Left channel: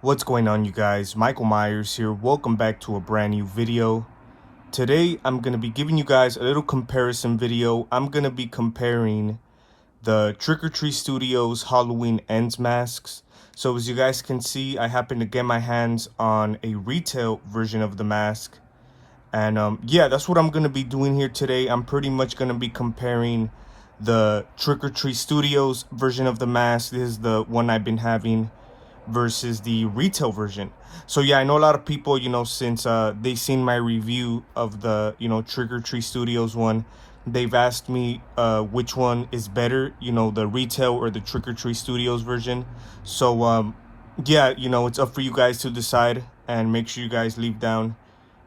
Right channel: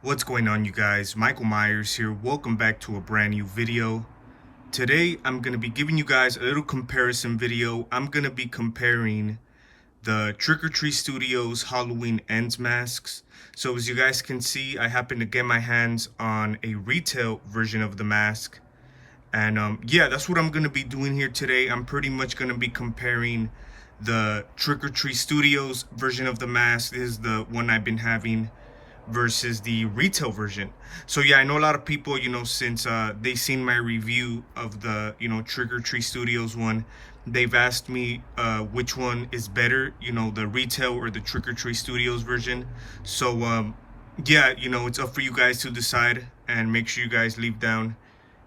What's going on, you guys? Michael Myers here. Welcome back to a brand new video. Today I'm going to be giving you guys a little comparison video. I'm going to be comparing the Trick or Treat Studios Halloween Ends masks. So as you guys can see, I happen to get my hands on a retail version of the mask. And yeah, that's what I'm going to be doing here today. I'm pretty much going to be comparing the Trick or Treat Studios version of the mask. This is the one I've been having versus the retail version. So yeah, I know a lot of people, since they seen my review of the, Trick or Treat Studios one, they've asked me which one is better, the retail or the Trick or Treat Studios version. So yeah, it's up for you guys to decide, and make sure you guys leave down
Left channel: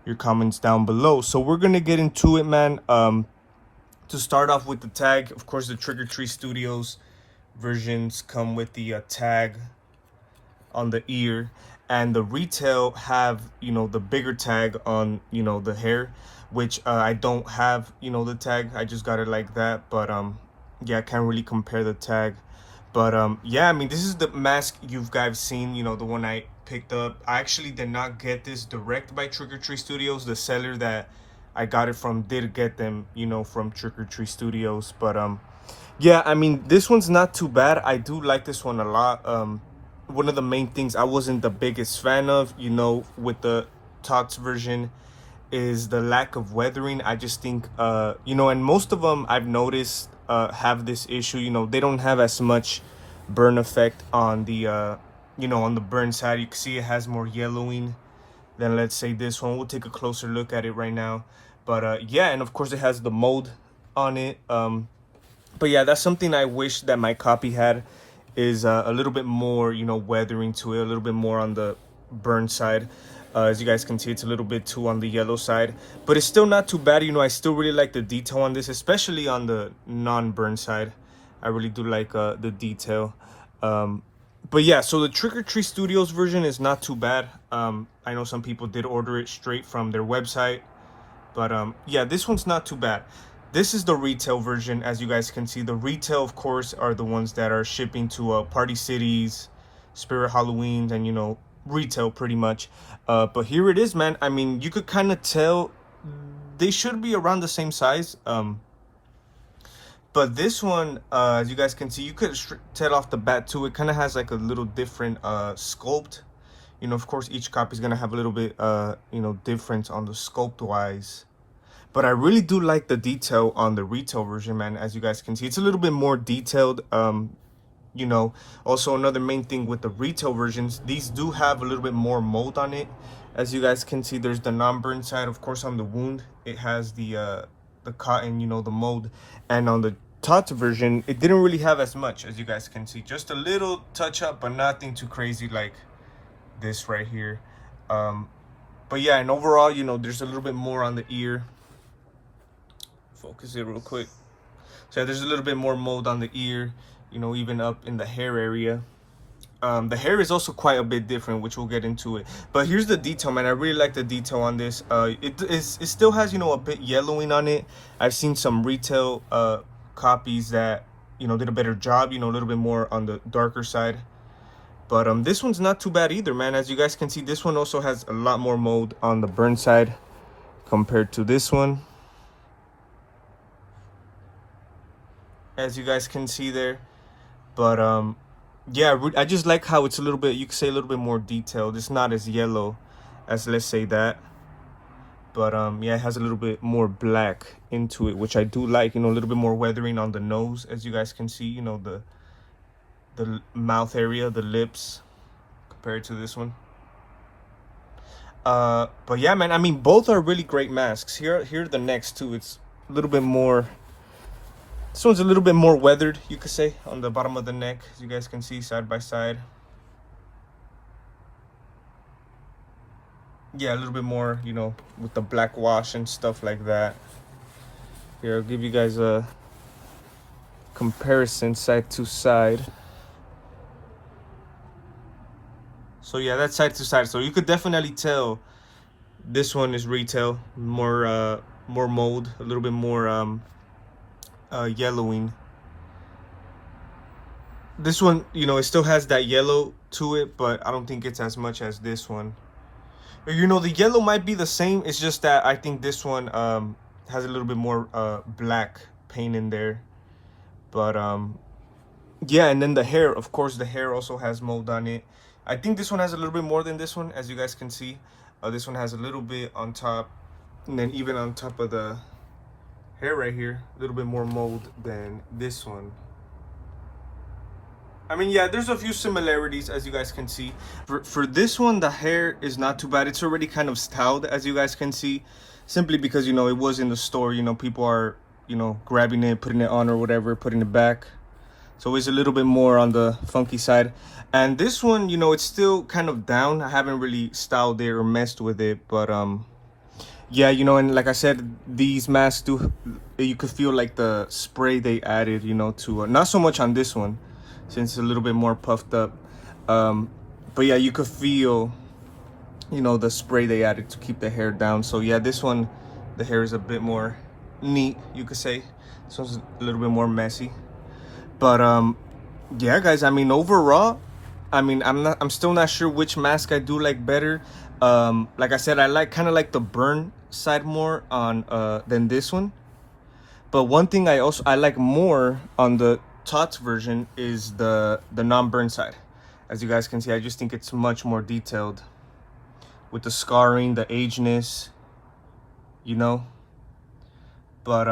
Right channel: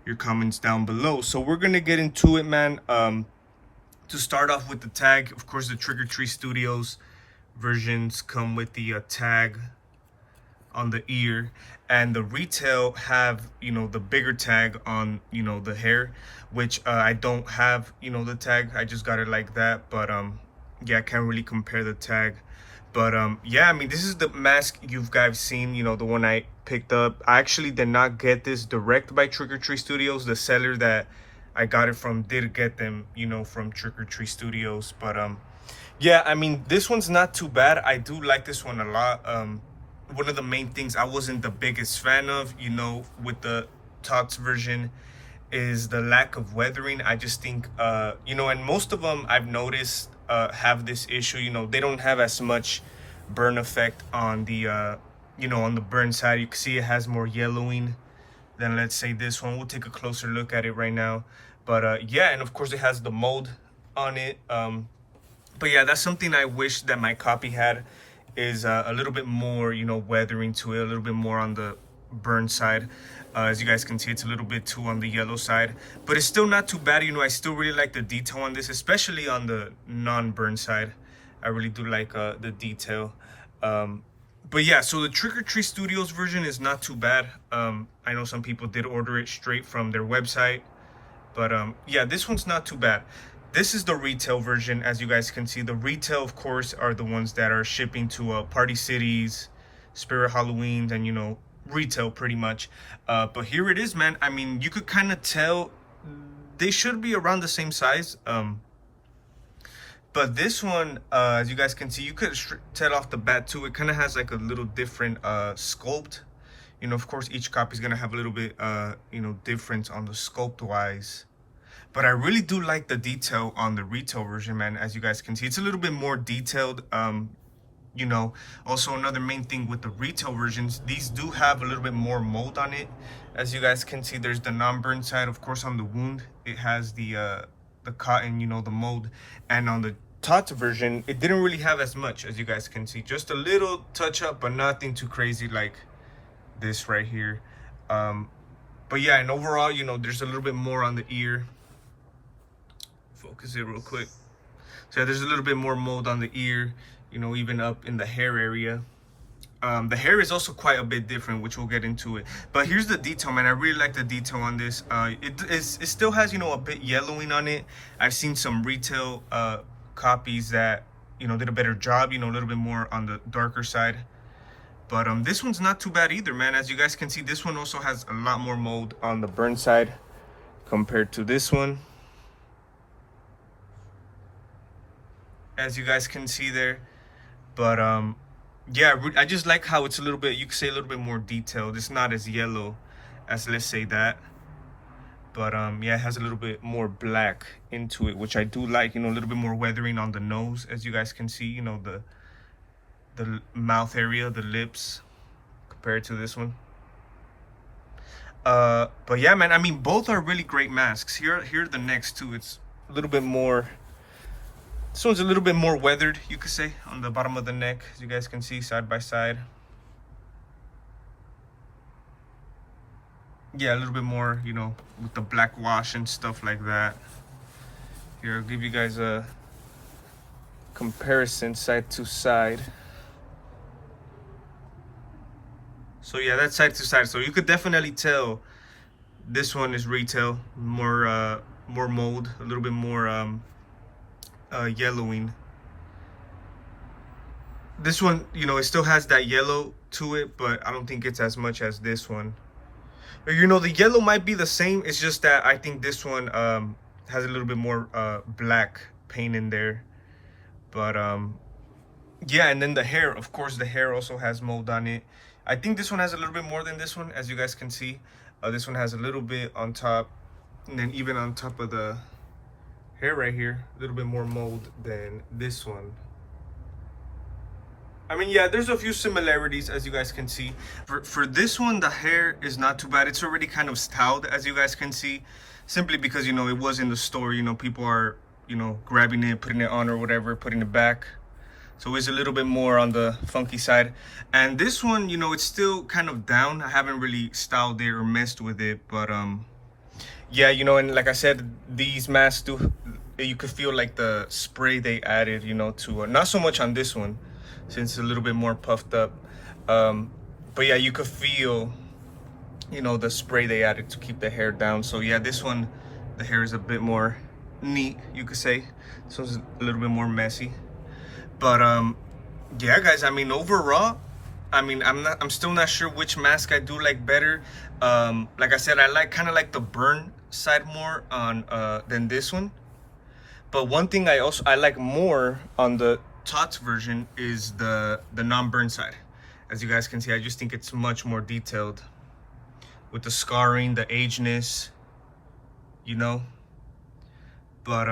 your comments down below. So we're gonna get into it, man. To start off with the tag, of course, the Trick or Treat Studios versions come with the tag on the ear, and the retail have the bigger tag on the hair, which I don't have the tag. I just got it like that. But yeah, I can't really compare the tag. But yeah, I mean, this is the mask you guys seen, the one I picked up. I actually did not get this direct by Trick or Treat Studios. The seller that I got it from did get them from Trick or Treat Studios. But yeah, I mean, this one's not too bad. I do like this one a lot. One of the main things I wasn't the biggest fan of, with the TOTS version, is the lack of weathering. I just think, and most of them I've noticed have this issue. They don't have as much burn effect on the, on the burn side. You can see it has more yellowing than, let's say, this one. We'll take a closer look at it right now. But yeah, and of course it has the mold on it. But yeah, that's something I wish that my copy had, is a little bit more, weathering to it, a little bit more on the burn side. As you guys can see, it's a little bit too on the yellow side, but it's still not too bad. I still really like the detail on this, especially on the non-burn side. I really do like the detail. But yeah, so the Trick or Treat Studios version is not too bad. I know some people did order it straight from their website, but yeah, this one's not too bad. This is the retail version. As you guys can see, the retail, of course, are the ones that are shipping to Party Cities, Spirit Halloween, and retail pretty much. But here it is, man. I mean, you could kind of tell they should be around the same size. But this one, as you guys can see, you could tell off the bat too, it kind of has like a little different sculpt. Of course, each copy is gonna have a little bit difference on the sculpt wise. But I really do like the detail on the retail version, man. As you guys can see, it's a little bit more detailed. Also another main thing with the retail versions, these do have a little bit more mold on it. As you guys can see, there's the non-burn side. Of course, on the wound, it has the cotton, the mold. And on the TOTS version, it didn't really have as much, as you guys can see. Just a little touch up, but nothing too crazy like this right here. But yeah, and overall, there's a little bit more on the ear. Focus it real quick. So there's a little bit more mold on the ear, even up in the hair area. The hair is also quite a bit different, which we'll get into it. But here's the detail, man. I really like the detail on this. It still has, a bit yellowing on it. I've seen some retail copies that, did a better job, a little bit more on the darker side. But this one's not too bad either, man. As you guys can see, this one also has a lot more mold on the burn side compared to this one. As you guys can see there. But yeah, I just like how it's a little bit, you could say, a little bit more detailed. It's not as yellow as, let's say, that. But yeah, it has a little bit more black into it, which I do like. A little bit more weathering on the nose, as you guys can see. The mouth area, the lips, compared to this one. But yeah, man, I mean, both are really great masks. Here are the next two. It's a little bit more, this one's a little bit more weathered, you could say, on the bottom of the neck, as you guys can see, side by side. Yeah, a little bit more, with the black wash and stuff like that. Here, I'll give you guys a comparison side to side. So yeah, that's side to side. So you could definitely tell this one is retail, more mold, a little bit more yellowing. This one, you know, it still has that yellow to it, but I don't think it's as much as this one. You know, the yellow might be the same. It's just that I think this one has a little bit more black paint in there. But yeah, and then the hair, of course, the hair also has mold on it. I think this one has a little bit more than this one, as you guys can see. This one has a little bit on top, and then even on top of the hair right here, a little bit more mold than this one. I mean, yeah, there's a few similarities, as you guys can see. For this one, the hair is not too bad. It's already kind of styled, as you guys can see, simply because, you know, it was in the store. You know, people are, you know, grabbing it, putting it on or whatever, putting it back. So it's a little bit more on the funky side. And this one, you know, it's still kind of down. I haven't really styled it or messed with it, but yeah, you know, and like I said, these masks do, you could feel like the spray they added, you know, to not so much on this one, since it's a little bit more puffed up. But yeah, you could feel, you know, the spray they added to keep the hair down. So yeah, this one, the hair is a bit more neat, you could say. This one's a little bit more messy. But yeah, guys, I mean, overall, I mean, I'm still not sure which mask I do like better. Like I said, I kind of like the burn side more on than this one. But one thing I like more on the TOTS version is the non-burn side. As you guys can see, I just think it's much more detailed with the scarring, the ageness, you know. But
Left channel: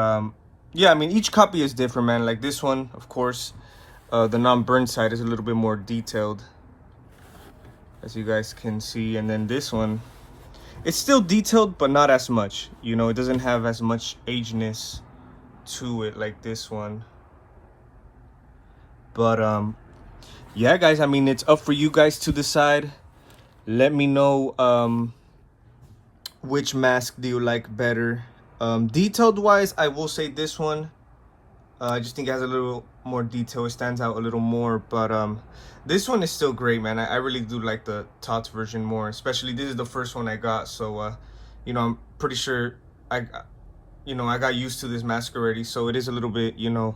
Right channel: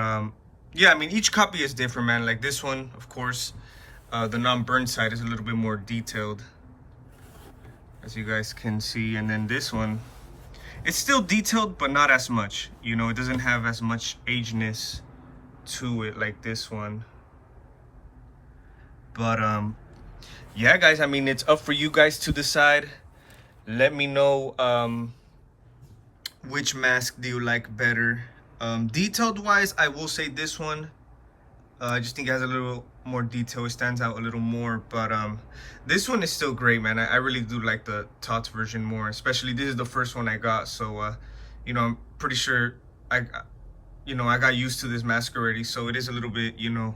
yeah, I mean, each copy is different, man. Like this one, of course, the non-burn side is a little bit more detailed, as you guys can see. And then this one, it's still detailed, but not as much. You know, it doesn't have as much ageness to it like this one. But yeah, guys, I mean, it's up for you guys to decide. Let me know which mask do you like better. Detailed wise, I will say this one. I just think it has a little more detail. It stands out a little more. But this one is still great, man. I really do like the TOTS version more. Especially this is the first one I got. So, you know, I'm pretty sure I got used to this mask already. So it is a little bit, you know,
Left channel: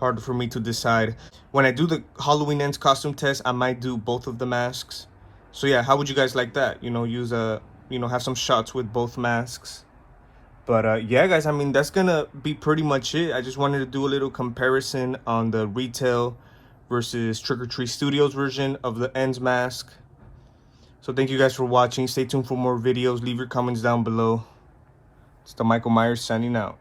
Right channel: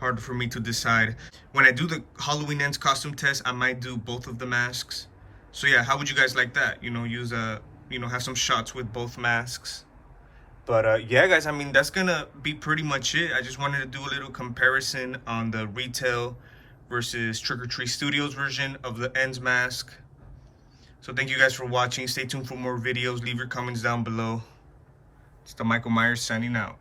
hard for me to decide. When I do the Halloween Ends costume test, I might do both of the masks. So yeah, how would you guys like that? You know, use have some shots with both masks. But yeah, guys, I mean, that's gonna be pretty much it. I just wanted to do a little comparison on the retail versus Trick or Treat Studios version of the Ends mask. So thank you guys for watching. Stay tuned for more videos. Leave your comments down below. It's the Michael Myers signing out.